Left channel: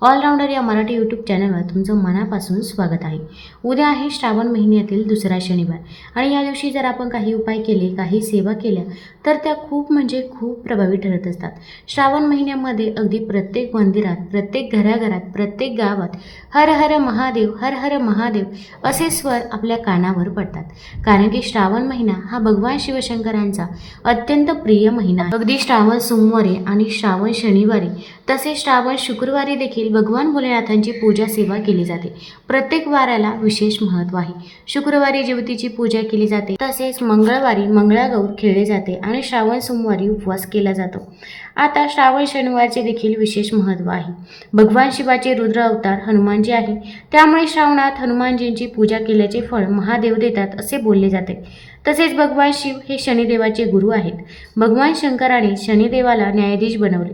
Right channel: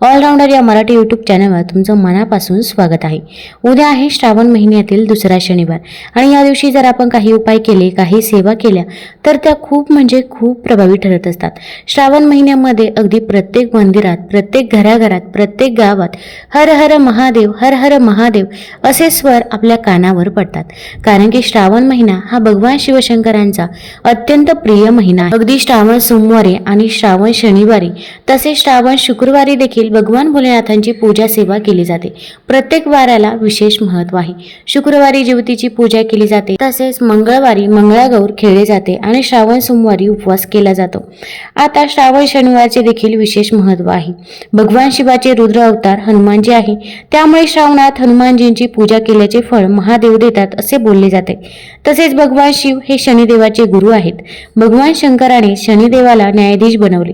All-rounder या Marathi YouTube चॅनलवर तुमचं मनापासून स्वागत आहे. उद्या आहे श्रावण महिन्यातील दुसरा शनिवार आणि या दिवशी जर आपण काही उपाय केले काही सेवा केल्या तर त्या खूप म्हणजे खूप प्रभावी ठरत असतात. श्रावण महिन्यामध्ये अगदी प्रत्येक मंदिरात प्रत्येक घराघरात प्रत्येक गावात हर हर महादेव हर हर महादेव असे स्वर आपल्या कानावर पडतात. कारण की श्रावण महिना हा भगवान शिवशंकरांचा अत्यंत प्रिय महिना अगदी श्रावण सोमवारी आणि श्रावण शनिवारी तसेच श्रावण शुक्रवारी देखील भगवान भोलेनाथांची पूजा सेवा केली जाते. प्रत्येक वाराला विशेष महत्त्व आहे. शुक्रवारी ज्योतीची पूजा केली जाते. तसेच मंगळवारी मंगळागौर खेळले जाते आणि श्रावण सोमवारी उपवास केला जातो. आता श्रावण शनिवारचे देखील विशेष महत्त्व आहे. भगवान शिवाचे रुद्र अवतार हनुमानजी आहे. त्यामुळे श्रावणात हनुमानजींची पूजा केल्याचे फळ महादेव देतात असे बोलले जाते. तसेच भगवान शिव हे शनिदेवाचे गुरु आहेत. भगवान शंकराने शनिदेवाला न्यायाधीश बनवले.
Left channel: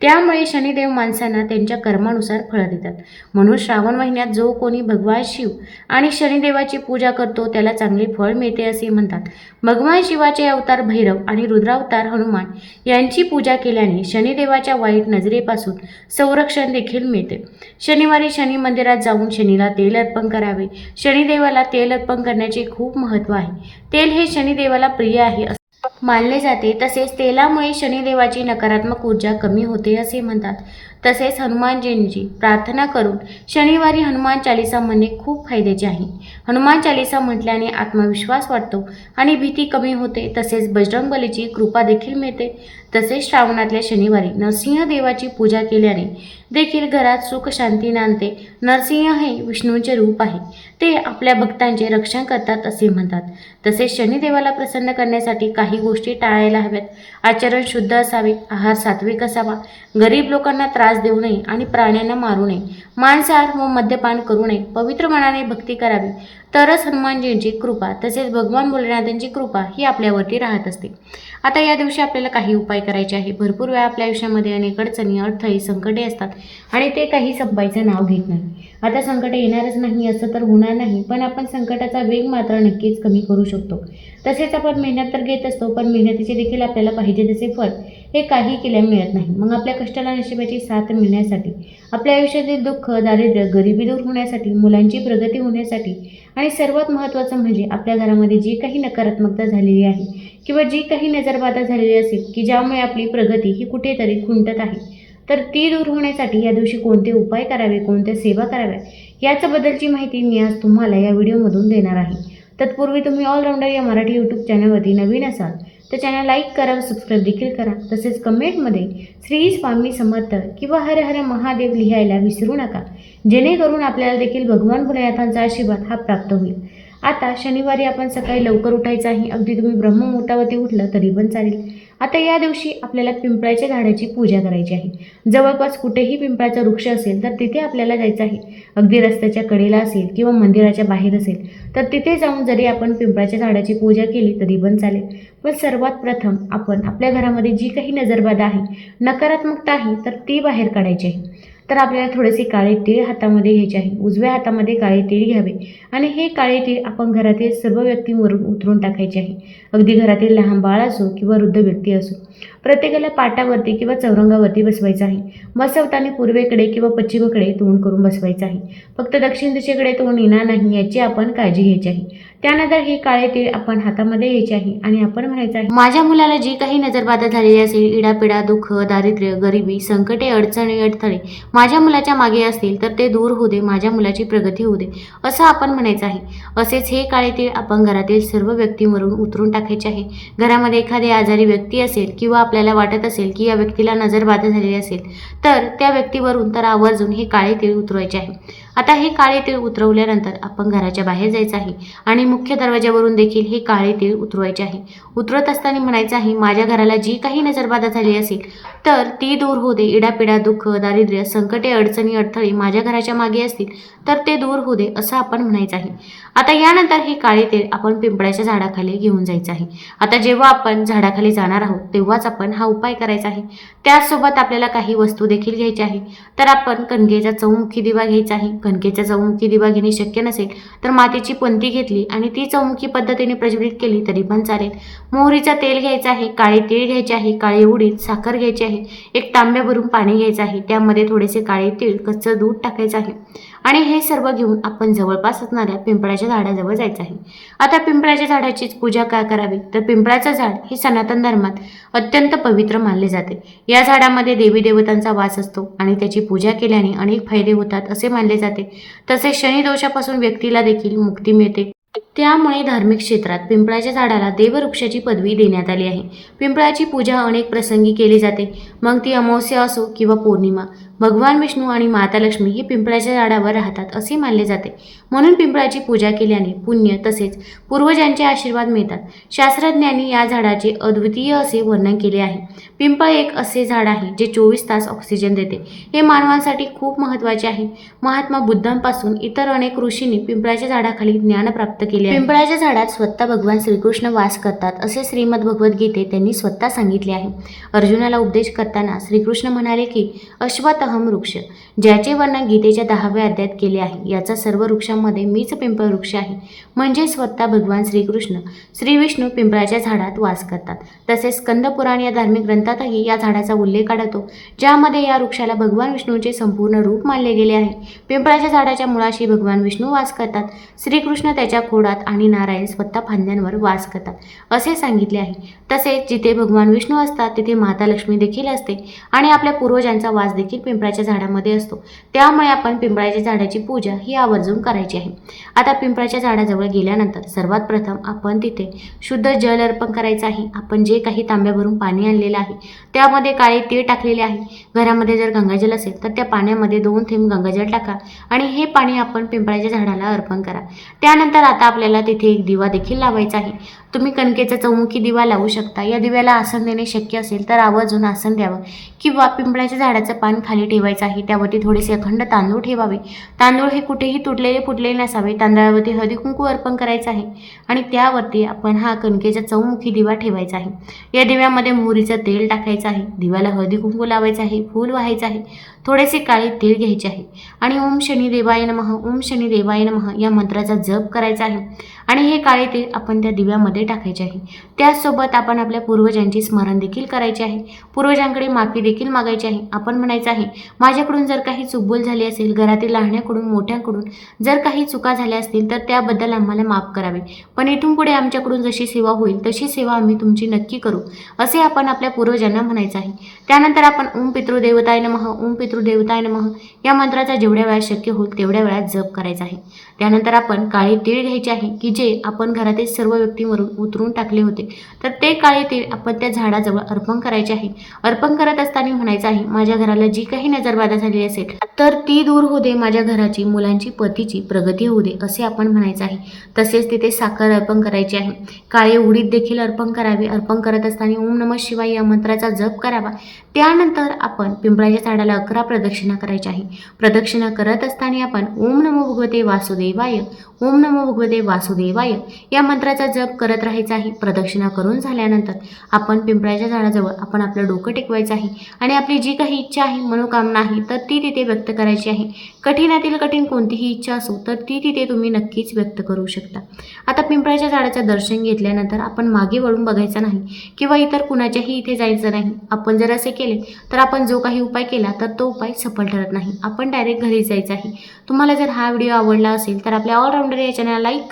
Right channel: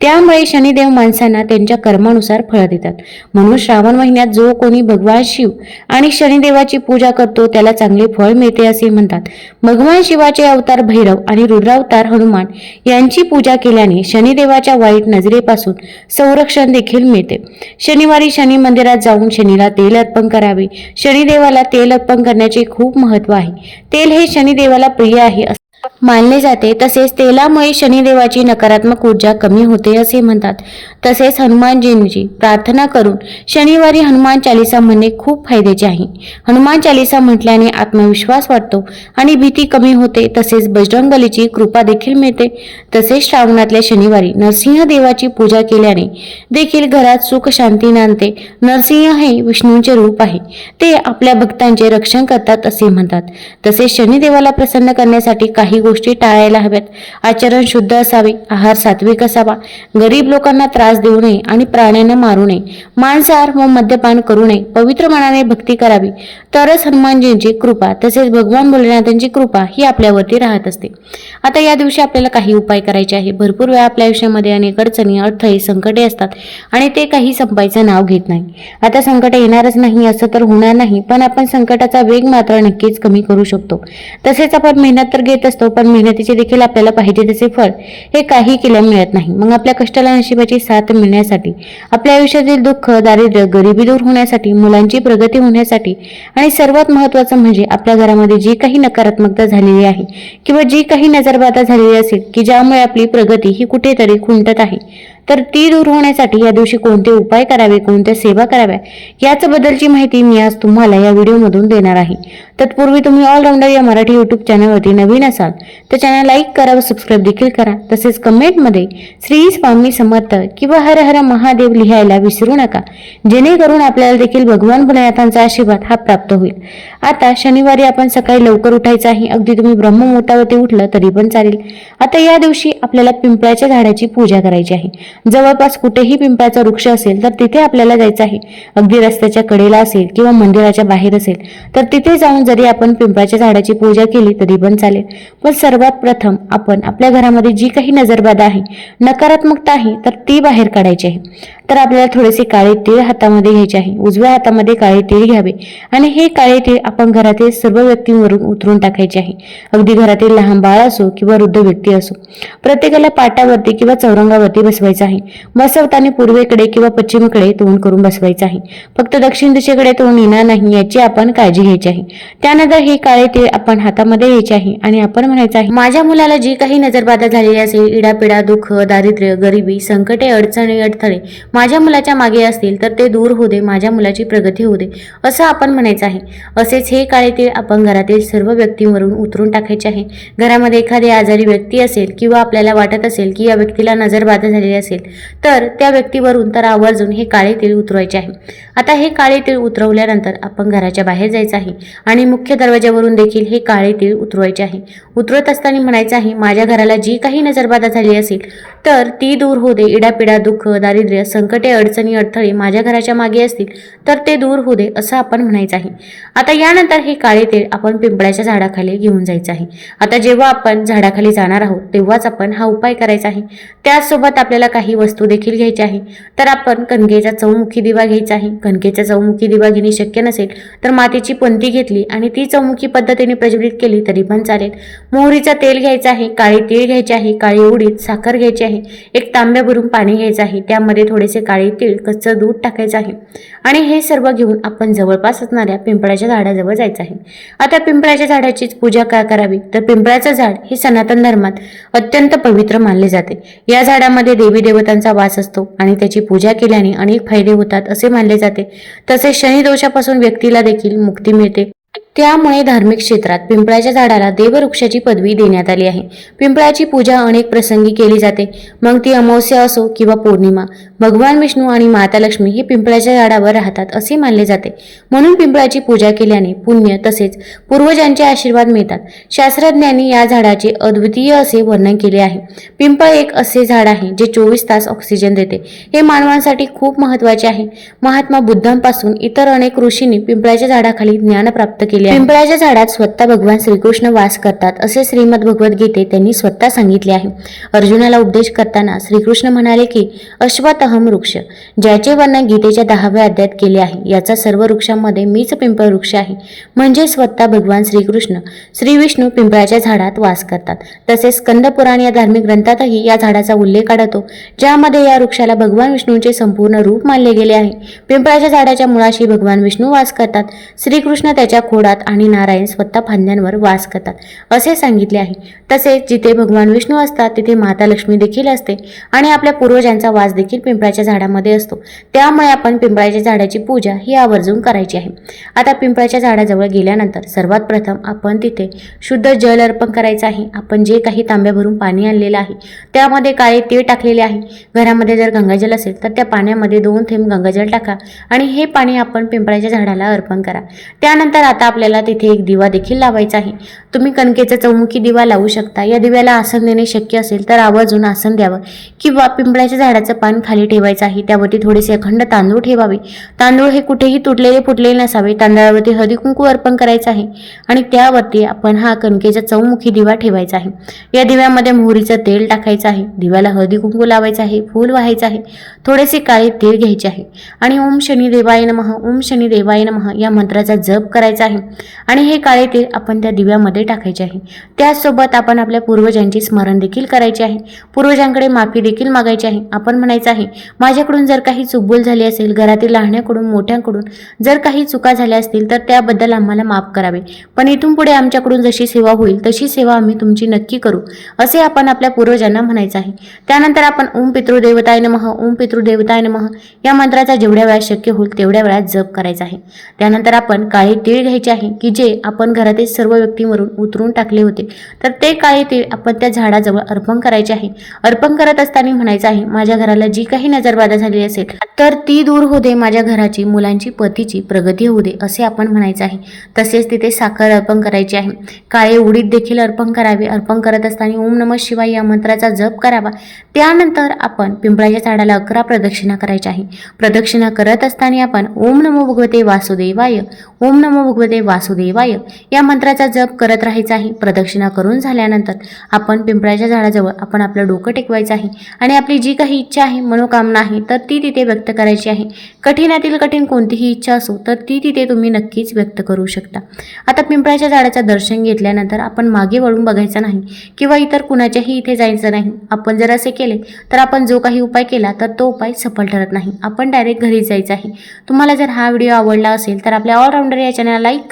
त्यामुळे शनिदेव माणसांना त्यांच्या कर्मानुसार फळं देतात. म्हणून श्रावण महिन्यात जो कोणी भगवान शिव आणि शनिदेवाची पूजा करतो त्याला चांगले फळ मिळते असे म्हणतात. भगवान शिवाचे अवतार भैरव आणि रुद्रावतार हनुमान यांची पूजा केल्याने शनिदेवाच्या वाईट नजरेपासून संरक्षण देखील मिळते. शनिवारी शनी मंदिरात जाऊन शनीला तेल अर्पण करावे. शनिदेवाला तेल अर्पण करण्याचे खूप महत्त्व आहे. तेल हे शनिदेवाला प्रिय आहे मानले जाते. तसेच तेलामुळे शनिदेवाची नकारात्मक ऊर्जा कमी होते असे म्हणतात. तसेच हनुमानजींची प्रार्थना करून शनिवारी हनुमान चालिसा म्हणणे खूप फायद्याचे आहे. हनुमान चालिसा म्हटल्याने आत्मविश्वास वाटतो आणि भीती कमी होते तसेच बजरंगबलीची कृपा देखील मिळते. तसेच श्रावणातल्या शनिवारी नरसिंह देवाची पूजा केल्याने देखील घरात सुख शांती नांदते. नरसिंह हे विष्णूंचे रूप आहे. ते आपल्या भक्तांचे रक्षण करतात असे म्हणतात. तसेच शनिदेवाला प्रसन्न करण्यासाठी काही गोष्टी टाळायला हव्यात. आचरण शुद्ध असावे आहार सात्विक असावा. गरीब लोकांना त्रास देऊ नये आणि प्राण्यांना मारू नये. मांसाहार व मद्यपान करू नये. पवित्र मनाने भक्ती करावी. तरच हनुमानजींची कृपा तसेच भगवान भोलेनाथांची कृपा ही आपल्यावरती राहत असते. आता या दिवशी आपल्याला काही उपाय करायचे आहे. भरपूर वेळा आपल्या आयुष्यामध्ये अनेक अडचणी अडथळे संकटे असतात आणि ते काही संपायचं नाव घेत नाही. आता संकट येणारच नाही असं तर होणार नाही पण आपण संकटाचा वेग मात्र नक्कीच कमी करू शकतो. तसेच आपण मेहनत तर घेत असतो पण मेहनतीचे देखील आपल्याला पाहिजे तसे फळ हे काही केल्या मिळत नाही. मग आपल्या कष्टाला नशिबाची साथ मिळण्यासाठी आपल्या आयुष्यातील दुःख दारिद्र्य गरिबी दूर होण्यासाठी मुलांची प्रगती होण्यासाठी आणि सर्वात महत्त्वाचं म्हणजे आपल्या घरामध्ये जी काही नकारात्मकता झालेली आहे किंवा जी काही नजरबाधा झालेली असेल की ज्यामुळे आपली प्रगती ही कुठेतरी खुंटत आहे तर ती दूर होण्यासाठी या दिवशी कोणते उपाय करावे कोणत्या सेवा कराव्या बद्दलची माहिती मी आज तुम्हाला या व्हिडिओमधून देणार आहे. तत्पूर्वी तुम्ही ऑलराऊंडर या मराठी यूट्यूब चॅनलवरती नवीन असाल तर चॅनल लाईक करा व सबस्क्राईब देखील करा. तसेच कमेंटमध्ये श्री स्वामी समर्थ किंवा हर हर महादेव लिहायला विसरू नका. जेणेकरून आपल्याला देखील भगवान भोलेनाथांचा आशीर्वाद हा प्राप्त होईल. आता शनिवारी आपण सकाळी लवकर उठायचं आहे अगदी तुम्ही ब्रह्ममुहूर्तावरती उठलं तरी पण चालेल. आता या दिवशी आपल्याला पिंपळाच्या झाडाची पूजा करायची आहे. जवळपास कुठेही पिंपळाचा वृक्ष असेल तर तिथे आपल्याला जायचं आहे. अगदी रस्त्याच्या कडेला असेल किंवा मंदिराच्या बाहेर असेल तर तिथे जाऊन जरी आपण पिंपळाच्या झाडाची पूजा केली तरी पण चालेल. पण सर्वात प्रथम आपण आपल्या घरामध्ये जी काही नजरबाधा आहे नकारात्मकता आहे तर ती बाहेर काढायची आहे. तर आपल्याला थोडेसे काळे तीळ हातामध्ये घ्यायचे आहे. उजव्या हातामध्ये काळे तीळ घ्यावे. आणि हे काळे तीळ आपण घरातील सर्व व्यक्तींवरून उतरून टाकायचे आहे. अगदी घरातील लहान बाळ असो किंवा वृद्ध व्यक्ती असो. प्रत्येकाला पाटावरती किंवा चौरंगावरती बसवायचं आहे. बसवताना पूर्वेकडे किंवा पश्चिमेकडे तोंड करून बसवायचं आहे. फक्त दक्षिण दिशेकडे तोंड येणार नाही याची आपण काळजी घ्यायची आहे. त्यानंतर हे काळे तीळ आपण हातामध्ये घ्यायचे आहे आणि आपण म्हणायचं आहे माझ्या मुलाला जी काही नजरबाधा झालेली असेल इडापिडा दुःख दारिद्र्य गरिबी संकटे अडचणी अडथळे माझ्या मुलाच्या मागे असतील तर ते दूर होऊ दे माझ्या मुलाची प्रगती होऊ दे असं आपण म्हणायचं आहे. असेच हे काळेतीळ आपण घरातील सर्व व्यक्तींवरून उतरून टाकायचे आहे. घरामध्ये एखादी आजारी व्यक्ती असेल किंवा आपल्याला वाटत असेल की या व्यक्तीला नजरबाधा झालेली असेल तर त्या व्यक्तीवरून तर आवर्जून हे काळे तेल उतरवायचे आहे. आता हे काळे तेल उतरवल्यानंतर आपण घराच्या बाहेर जायचं आहे आणि मुख्य दरवाजावरून देखील हे काळे तेल उतरवायचे आहे. उतरत असताना म्हणायचं आहे माझ्या घराला जी काही नजरबाधा झाली असेल तर ती दूर होते दे. इडापिडा दुःख दारिद्र्य संकटे अडचणी अडथळे माझ्या घराच्या मागे असतील तर ते दूर होऊ दे असं आपण म्हणायचं आहे. आता यानंतर हे काळे तेल आपण पिंपळाच्या झाडाखाली घेऊन जायचं आहे. आता जेव्हा आपण झाडाखाली जाणार आहोत तेव्हाच आपण हा उपाय करायचा आहे. त्याचसोबत आपल्याला काही वस्तू देखील घ्यायची आहे. तर आपण कणकेचा चौमुखी दिवा घ्यायचा आहे. कणकेचा चौमुखी दिवा घेणे शक्य नसेल तर मातीची पंती घेतली आणि ती चौमुखी पद्धतीने प्रज्वलित केली तरी पण चालेल. मोहरीचं तेल घ्यायचं आहे काळे तीळ घ्यायचे आहे काळी उडीद साखर घ्यायची आहे एक तांब्या भरून पाणी घ्यायचं आहे. त्यामध्ये थोडेसे काळे तीळ कच्चं दूध टाकायचं आहे. आणि हे सर्व घेऊन आपण जवळपास असणाऱ्या पिंपळाच्या झाडाजवळ जायचं आहे. आता पिंपळाच्या झाडाचीच पूजा का करावी? तर पिंपळाचं झाड हे सनातन धर्मात अत्यंत पवित्र मानले जाते. या झाडामध्ये देवी देवतांचा वास असतो आणि त्याची पूजा केल्याने अनेक फायदे होतात असे मानले जाते. तसेच शनिदोषापासून व्यक्तीला देखील मुक्ती मिळते. त्यामुळे धार्मिक क्षेत्रात पिंपळाच्या झाडाला देववृक्षाची पदवी देण्यात आली आहे. पिंपळाची पूजा अनेक प्रसंगी केली जाते. मग ती अमावस्या असो किंवा पौर्णिमा भगवान विष्णू आणि माता लक्ष्मी हे पिंपळाच्या झाडावर राहतात असे मानले जाते. म्हणून पिंपळाची पूजा केल्याने पुण्य तसेच पूर्वजांचे आशीर्वाद मिळतात. शास्त्रज्ञांनी या झाडाचे अद्वितीय असे वर्णन केले आहे. पिंपळ एक असे झाड आहे जे चोवीस तास ऑक्सिजन देते. हे मानवांसाठी खूप महत्त्वाचे आहे. महात्मा बुद्धांपासून इतर अनेक ऋषींनी पिंपळाच्या झाडाखाली ज्ञान प्राप्त केले केले पिंपळाच्या झाडात स्वतः भगवान श्रीकृष्ण वास करतात असे श्रीमद भगवद्गीते त्यांनी स्वतः सांगितले आहे. अर्जुनाला उपदेश करताना श्रीकृष्ण म्हणाले की अश्वतहम वृक्ष ज्याचे वर्णन गीतेच्या दहाव्या अध्यायात केले आहे याचा सर्व वृक्षांमध्ये मीच पिंपळ वृक्ष आहे. म्हणजे स्वतः भगवान श्रीकृष्ण श्री विष्णू पिंपळाच्या झाडात वास करतात. तसेच स्कंदपुराण या धार्मिक ग्रंथातही या झाडाचा उल्लेख आढळतो ज्यामध्ये या वृक्षाला भगवान विष्णूचे संपूर्ण रूप मानले गेले आहे. पिंपळाच्या झाडाच्या मुळाशी भगवान विष्णू वास करतात. श्रीकृष्ण त्याच्या खोडात आणि नारायण स्वतः फांद्यांवर वास करतात. असे सांगितले आहे. तसेच जिथे भगवान विष्णू असतात तिथे माता लक्ष्मी देखील असते आणि आपल्या पूर्वजांचा वास देखील पिंपळाच्या झाडामध्ये असतो. त्यामुळे आपण पिंपळाच्या झाडाची पूजा ही आवर्जून करायची आहे. आता पिंपळाच्या झाडाजवळ गेल्यानंतर सर्वात प्रथम आपण तिथे शुद्ध जल अर्पण करायचं आहे. आपण जे काही तांब्या भरून पाणी आणलेलं आहे त्यामध्ये काळे तीळ टाकलेले आहे. घरामध्ये जर गंगाजल असेल तर त्या पाण्यामध्ये दोन थेंब गंगाजल टाका आणि हे पाणी आपण पिंपळाच्या झाडाला अर्पण करा. त्यानंतर आता आपल्याला तिथे एक दिवा देखील लावायचा आहे. तुम्ही कणकेचा चौमुखी दिवा लावू शकता. या दिव्याला आसन देणे शक्य असेल तर आवर्जून आसन द्यावं. किंवा पिंपळाच्या झाडाचं पान खाली ठेवायचं आहे. त्यावरती थोडेसे अखंड तांदूळ ठेवावे. तांदूळ हे कुठेही तुटलेले फुटलेले नसावे. तांदळावरती हळदी कुंकू अर्पण करायचं आहे. आणि त्यावरती आपण हा कणकेचा चौमुखी दिवा ठेवायचा आहे. या दिव्यामध्ये मोहरीचं तेल टाकायचं आहे. दिव्याला हळदी कुंकू लावायचं आहे. फूल व्हायचं आहे. थोडेसे काळे तेल घ्यायचे आहे. आणि ओम शनी देवाय नमः. ओम शनी देवाय नमः या मंत्राचा जप करायचा आहे. आणि हे काळे तेल आपण त्या दिव्यामध्ये टाकायचे आहे. त्याचसोबत आपण आपल्या पूर्वजांचे स्मरण देखील करायचे आहे. पूर्वजांकडे माफी देखील मागायची आहे. आपण म्हणायचं आहे माझ्याकडून जर काही चुकबुल झाली असेल घरातील लहान्याकडून मोठ्यांकडून जर काही चुका झाल्या असतील तर त्याबद्दल आम्हाला माफ करावे. पण इथून पुढे आमच्याकडून जशी सेवा होईल तशी सेवा आम्ही तुमची नक्की करू असे आपण आपल्या पूर्वजांना म्हणायचं आहे. त्यानंतर आपण ओम पितृदेवताय नमः ओम पितृदेवताय नमः या मंत्राचा जेवढ्या वेळा शक्य होईल तेवढ्या वेळात जप करायचा आहे. त्यानंतर आपण काळे तीळ घ्यायचे आहे. आहे की जे आपण घरातील सर्व व्यक्तींवरून उतरून टाकले होते. तर ते काळे ते आपण त्या झाडाजवळ अर्पण करायचे आहे. अर्पण करत असताना म्हणायचं आहे माझ्या घराला जी काही नजरबाधा झाली असेल तर ती दूर होऊ दे माझ्या घराची मुलांची पतीची प्रगती होऊ दे असे आपण म्हणायचं आहे. तसेच तिथे साखर अर्पण करायची आहे. काळे उडीद देखील अर्पण करावे. अर्पण करत असताना ओम नमः शिवाय या मंत्राचा जप करावा. त्यानंतर आपण पिंपळाच्या झाडाला अकरा प्रदक्षिणा करायच्या आहे. प्रदक्षिणा करत असताना आपण ओम नमो भगवते वासुदेवाय. ओम नमो भगवते वासुदेवाय या मंत्राचा जप करत राहायचा आहे प्रदक्षिणा करून झाल्यानंतर आपण पिंपळाच्या झाडाजवळ आपण आपलं डोकं टेकवायचं आहे आणि आपली जी काही इच्छा आहे मनोकामना आहे तर ती तिथे व्यक्त करायची आहे. कठीणातील कठीण कोणतीही इच्छा असो तर ती तिथे तुम्ही नक्कीच व्यक्त करू शकता. आता पिंपळाच्या झाडाचं दर्शन घेतल्यानंतर आपण मागे वळून बघायचं नाही किंवा इतर कुणाच्याही इथे जायचं नाही. आपण जर असे केले तर आपण जो काही उपाय केला तर तो उपाय सफल ठरत नाही. आपण डायरेक्ट घरी जायचं आहे. तुम्हाला जर हा व्हिडिओ आवडला असेल तर आपल्या ऑलराऊंडर या चॅनलला लाईक